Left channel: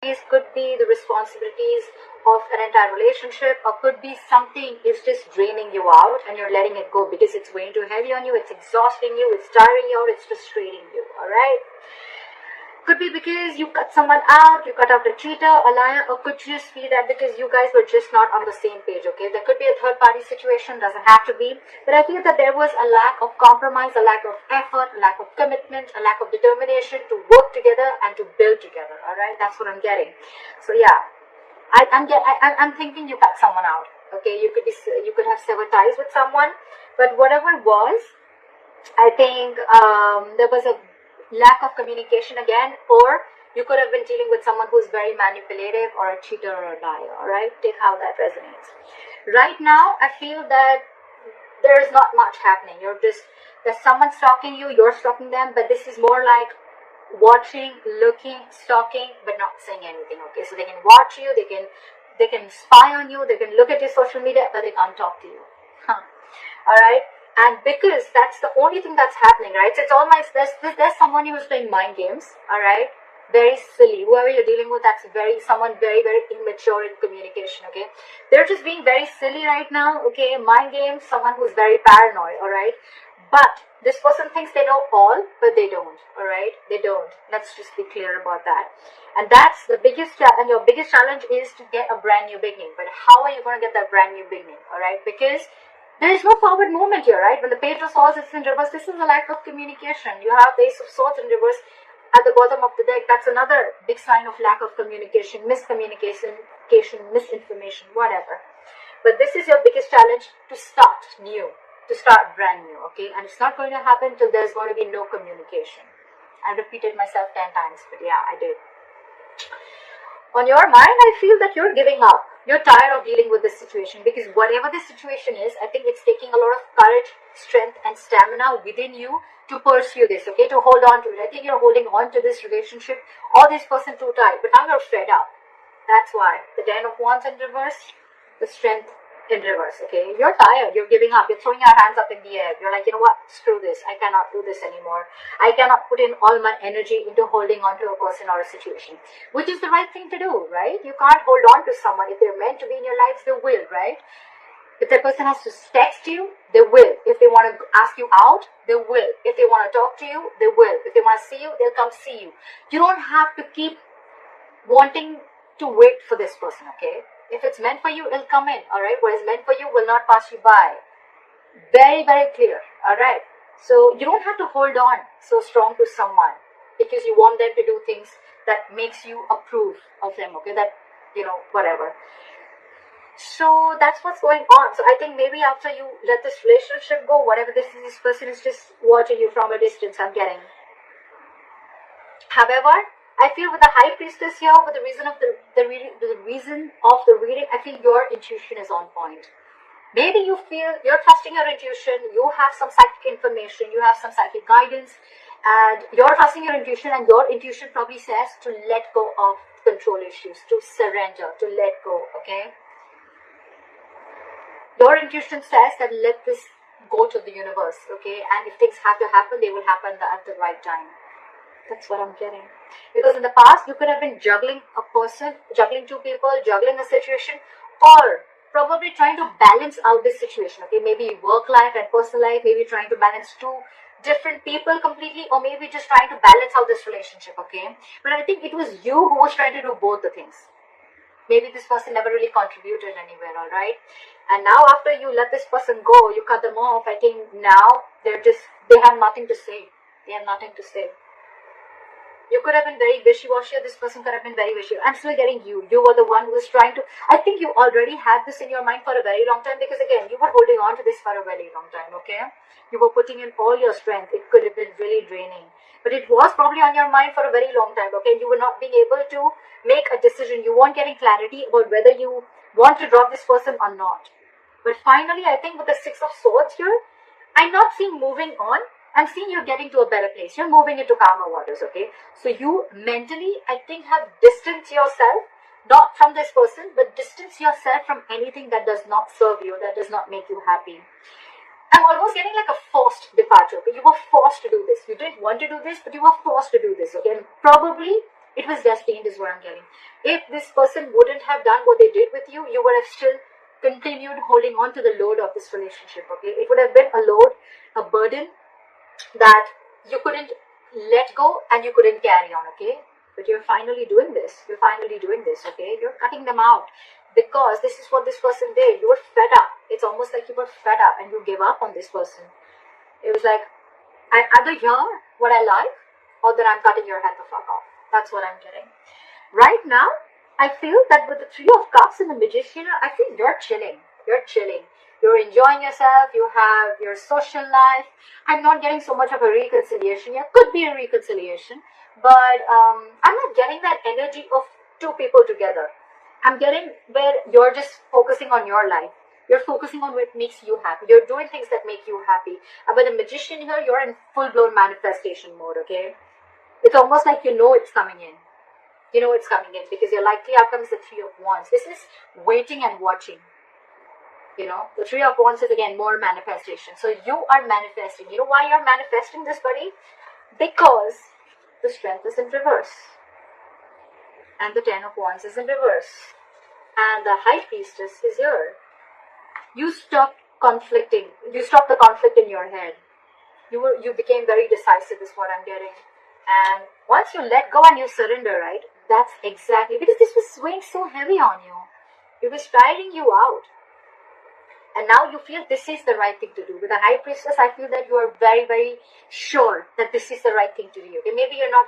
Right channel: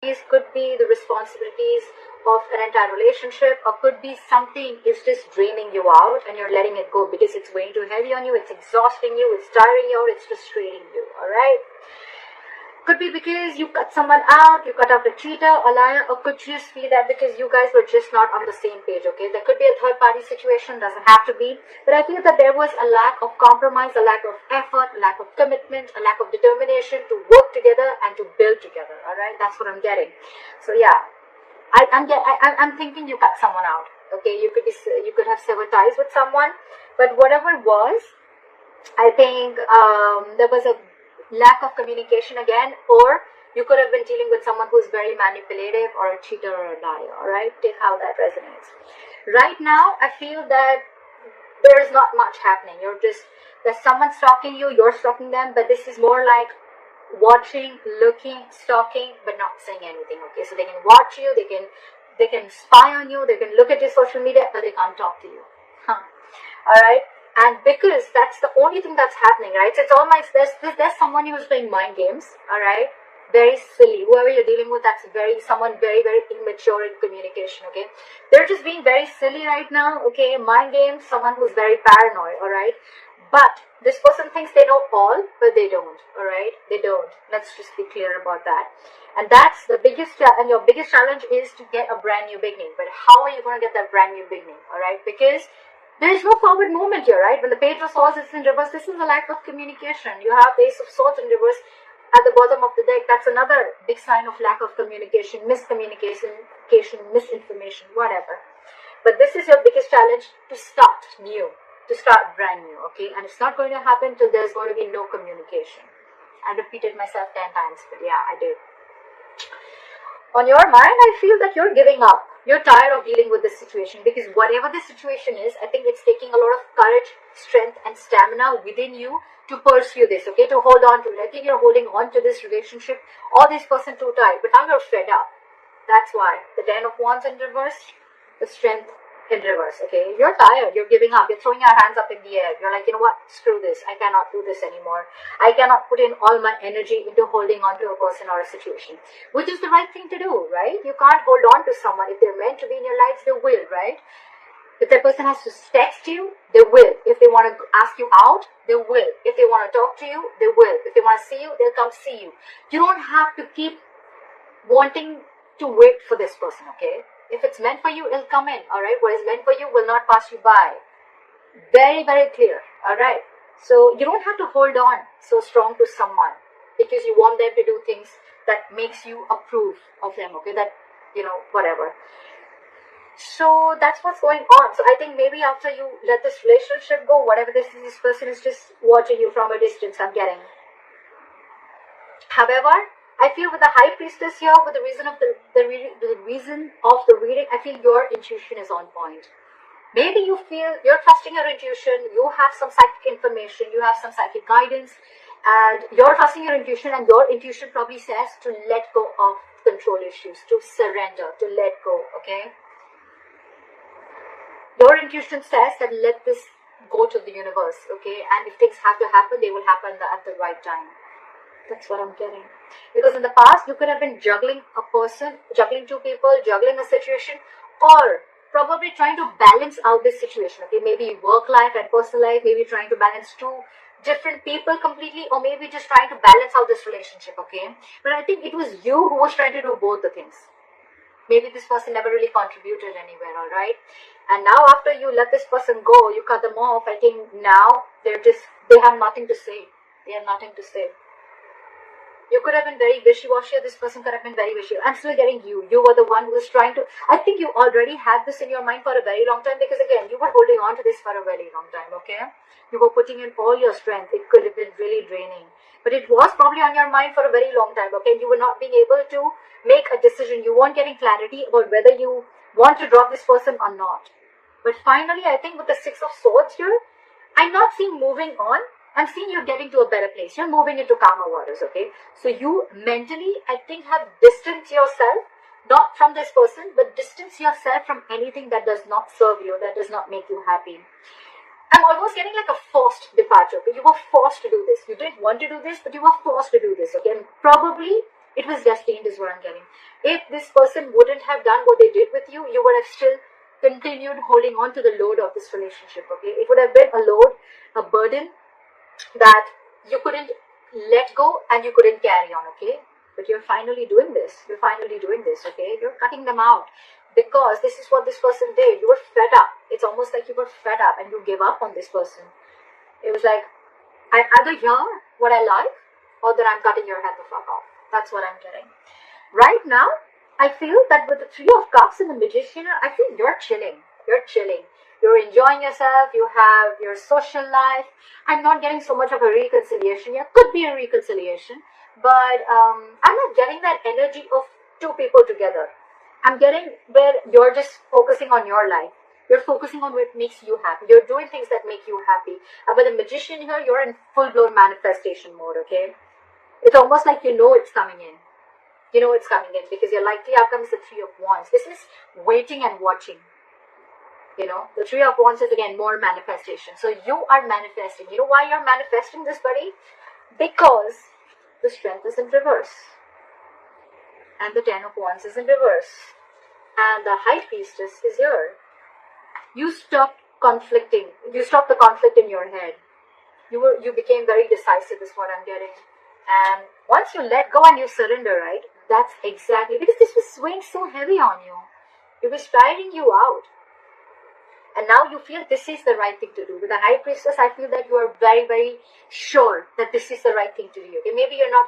could be the responsibilities of an entire relationship, or could be something is just draining you out and you're letting it go because it's weighing too heavy on you, it's exhausting you, it's tiring you, or it's frustrating you. Alright? Could be because you cut someone out, you cut out a cheater, a liar, or could just be that because you guys were just not on the same page, okay? There could be a third party situation, doesn't have to be, but I feel that there was a lack of compromise, a lack of effort, a lack of commitment, a lack of determination to work together and to build together, alright? That's what I'm getting. So yeah, I'm thinking you cut someone out, okay? You could have several ties with someone, but whatever it was, I think there was a lack of communication again, or you could have been dealing with someone who's very manipulative or a cheater or a liar. Alright, take how that resonates. Right now I feel that there is not much happening. There's someone stalking you, you're stalking them, but this is more like watching, looking, stalking, but not saying anything. Okay, so they can watch you, they can spy on you, they can look at your social media, but they can't talk to you. Alright, and because that's the only thing that's happening, right? So it's all like there's someone who is playing mind games, alright? Very silly. Whoever you're dealing with, that's someone very, very immature in communication, okay? They're just being very silly right now, okay? Mind games, someone who's very paranoid, alright? But this person thinks they know all, but they don't, alright? They don't. Let's just be clear about that. And that's the biggest challenge. Your biggest challenge is to get a brand new beginning. But how are you going to get that brand new beginning, alright? Because there is no forward movement here, right? When the Page of Swords is in reverse, this is a lack of communication. You have the Ace of Swords in reverse at the bottom of the deck. That's another big sign of lack of communication, miscommunication, misinformation, whatever. But this is your biggest challenge, to start new, to start brand new, okay? And it's not going to happen until there's going to be no communication. I repeated myself 10 times, but yeah, I did. On your mind, I feel that you're giving up. You're tired of dealing with this situation, because whatever this situation is, I think it's taking a lot of courage, strength, and stamina within you to pursue this, okay, to hold on to it. I think you're holding on to this relationship or this person too tight, but now you're fed up. That's why. The Ten of Wands in reverse, the Strength in reverse, okay? You're tired, you're giving up, you're throwing your hands up in the air. You're like, you know what, screw this, I cannot do this anymore. I cannot put in all my energy into holding on to a person or a situation, which is the right thing to do, right? You can't hold on to someone. If they're meant to be in your life, they will, right? If that person has to text you, they will. If they want to ask you out, they will. If they want to talk to you, they will. If they want to see you, they'll come see you. You don't have to keep wanting to wait for this person, okay? If it's meant for you, it'll come in, alright? What is meant for you will not pass you by. Very, very clear, alright? So you don't have to hold on so strong to someone because you want them to do things that makes you approve of them, okay? That, you know, whatever. So that's what's going on. So I think maybe after you let this relationship go, whatever this is, this person is just watching you from a distance, I'm getting. However, I feel with the High Priestess here, with the reason of the reason of the reading, I feel your intuition is on point. Maybe you feel you're trusting your intuition, you have some psychic information, you have some psychic guidance, and you're trusting your intuition, and your intuition probably says to let go of control issues, to surrender, to let go, okay? Your intuition says that let this go to the universe, okay? And if things have to happen, they will happen at the right time. That's what I'm getting. Because in the past, you could have been juggling a person, juggling two people, juggling a situation, or probably trying to balance out this situation. Okay, maybe work life and personal life, maybe trying to balance two different people completely, or maybe just trying to balance out this relationship, okay? But I think it was you who was trying to do both the things. Maybe this person never really contributed anywhere, alright? And now after you let this person go, you cut them off, I think now they have nothing to say. They have nothing to say. You could have been very wishy-washy, this person could have been very wishy. I'm still getting you. You were the one who was trying to... I think you already had this in your mind for a very long time, because again, you were holding on to this for a very long time, okay? You were putting in all your strength. It could have been really draining. But it was probably on your mind for a very long time, okay? You were not being able to make a decision. You weren't getting clarity about whether you want to drop this person or not. But finally, I think with the Six of Swords here, I'm not seeing moving on. I'm seeing you're getting to a better place. You're moving into calmer waters, okay? So you mentally, I think, have distanced yourself, not from this person, but distance yourself from anything that does not serve you, that does not make you happy. I'm almost getting like a forced departure. Okay? You were forced to do this. You didn't want to do this, but you were forced to do this, okay? And probably It was destined is what I'm getting. If this person wouldn't have done what they did with you, you would have still continued holding on to the load of this relationship, okay? It would have been a load, a burden that you couldn't let go and you couldn't carry on, okay? But you're finally doing this. You're finally doing this, okay? You're cutting them out because this is what this person did. You were fed up. It's almost like you were fed up and you gave up on this person. It was like, I either hear what I like or that I'm cutting your head the fuck off. That's what I'm getting. Right now, I feel that with the Three of Cups and the Magician, I feel you're chilling. You're chilling. You're enjoying yourself. You have your social life. I'm not getting so much of a reconciliation. There could be a reconciliation, but I'm not getting that energy of two people together. I'm getting where you're just focusing on your life. You're focusing on what makes you happy. You're doing things that make you happy. And with a Magician here, you're in full-blown manifestation mode, okay? It's almost like you know it's coming in. You know it's coming in because your likely outcome is the Three of Wands. This is waiting and watching. You know, the Three of Wands is again more manifestation. So you are manifesting. You know why you're manifesting this, buddy? Because the Strength is in reverse. And the Ten of Wands is in reverse. And the High Priestess is here. You stopped conflicting. You stopped the conflict in your head. You became very decisive is what I'm getting. And once you let go and you surrender, right? That's exactly, because this was weighing so heavy on you. It was tiring you out. And now you feel this is the right thing to do. With the High Priestess, I feel that you are very, very sure that this is the right thing to do. Okay? Maybe you're not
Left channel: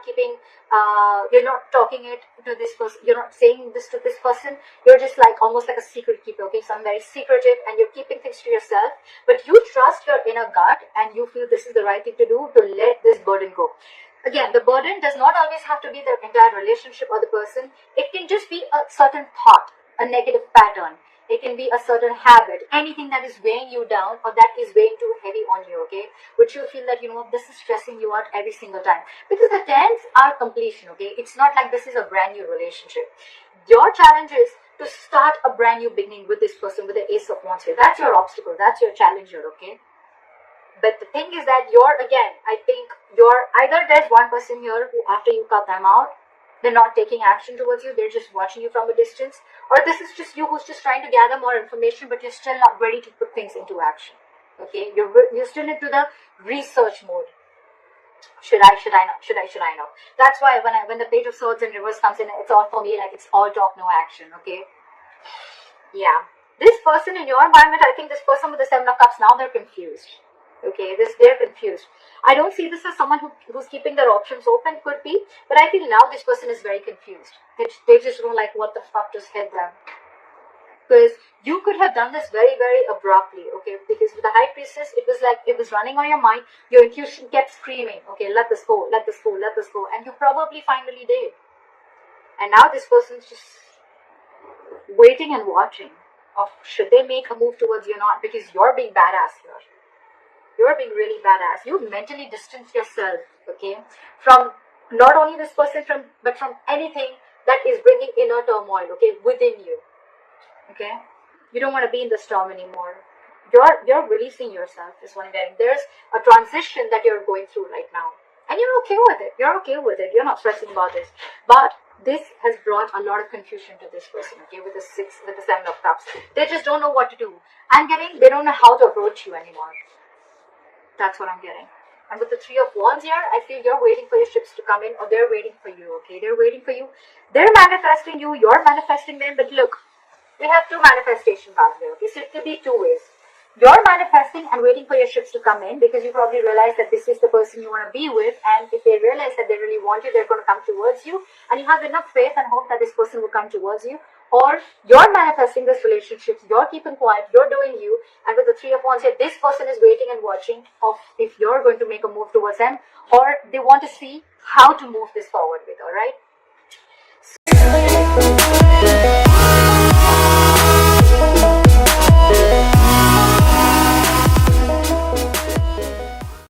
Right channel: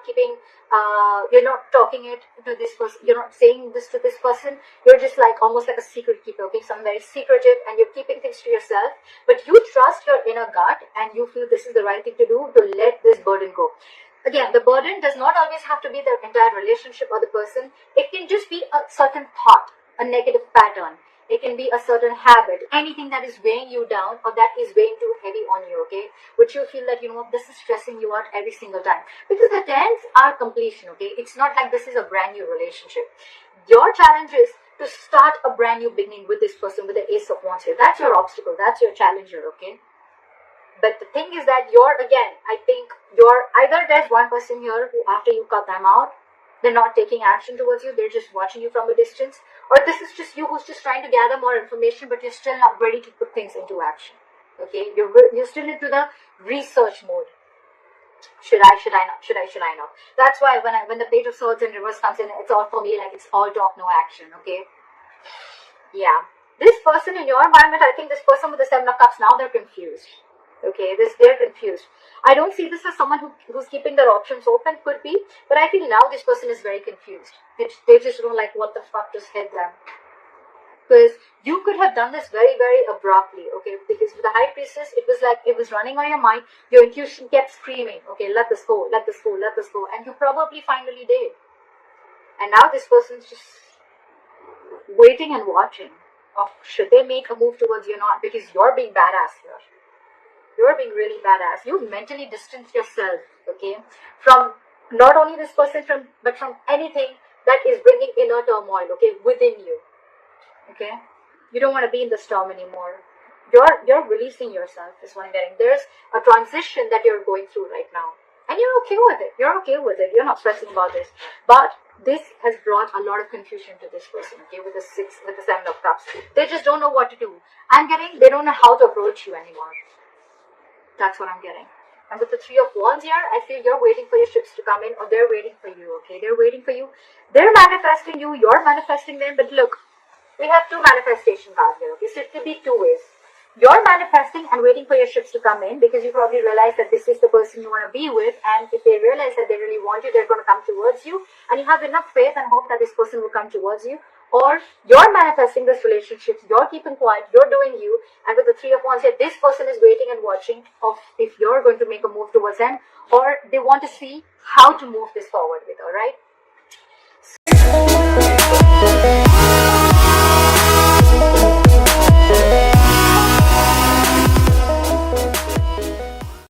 you're not talking it to this person, you're not saying this to this person. You're just like, almost like a secret keeper, okay? So I'm very secretive and you're keeping things to yourself. But you trust your inner gut and you feel this is the right thing to do to let this burden go. Again, the burden does not always have to be the entire relationship or the person. It can just be a certain thought, a negative pattern. It can be a certain habit, anything that is weighing you down or that is weighing too heavy on you, okay? Which you feel that, you know, this is stressing you out every single time. Because the tens are completion, okay? It's not like this is a brand new relationship. Your challenge is to start a brand new beginning with this person, with the Ace of Wands here. That's your obstacle. That's your challenge here, okay? But the thing is that I think either there's one person here who after you cut them out, they're not taking action towards you, they're just watching you from a distance, or this is just you who's just trying to gather more information, but you're still not ready to put things into action. Okay, you're still into the research mode. Should I not? That's why when the Page of Swords in reverse comes in, it's all for me like it's all talk, no action. Okay, yeah. This person in your environment, I think this person with the Seven of Cups, now they're confused. Okay, they're confused. I don't see this as someone who's keeping their options open, could be, but I feel now this person is very confused. They just don't like what the fuck just hit them. Because you could have done this very, very abruptly, okay? Because with the High Priestess, it was like it was running on your mind. Your intuition kept screaming, okay, let this go, let this go, let this go. And you probably finally did. And now this person's just waiting and watching. Of should they make a move towards you or not? Because you're being badass here. You're being really badass. You mentally distance yourself, okay, from not only this person, but from anything that is bringing inner turmoil, okay, within you, okay. You don't want to be in the storm anymore. You're releasing yourself is what I'm getting. There's a transition that you're going through right now, and you're okay with it. You're okay with it. You're not stressing about this. But this has brought a lot of confusion to this person, okay, with the Seven of Cups. They just don't know what to do. They don't know how to approach you anymore. That's what I'm getting. And with the Three of Wands here, I feel you're waiting for your ships to come in, or they're waiting for you, okay? They're waiting for you. They're manifesting you, you're manifesting them, but look, we have two manifestation cards here, okay? So it could be two ways. You're manifesting and waiting for your ships to come in because you probably realize that this is the person you want to be with, and if they realize that they really want you, they're going to come towards you, and you have enough faith and hope that this person will come towards you. Or you're manifesting this relationship, you're keeping quiet, you're doing you, and with the Three of Wands here, this person is waiting and watching of if you're going to make a move towards them, or they want to see how to move this forward with, alright?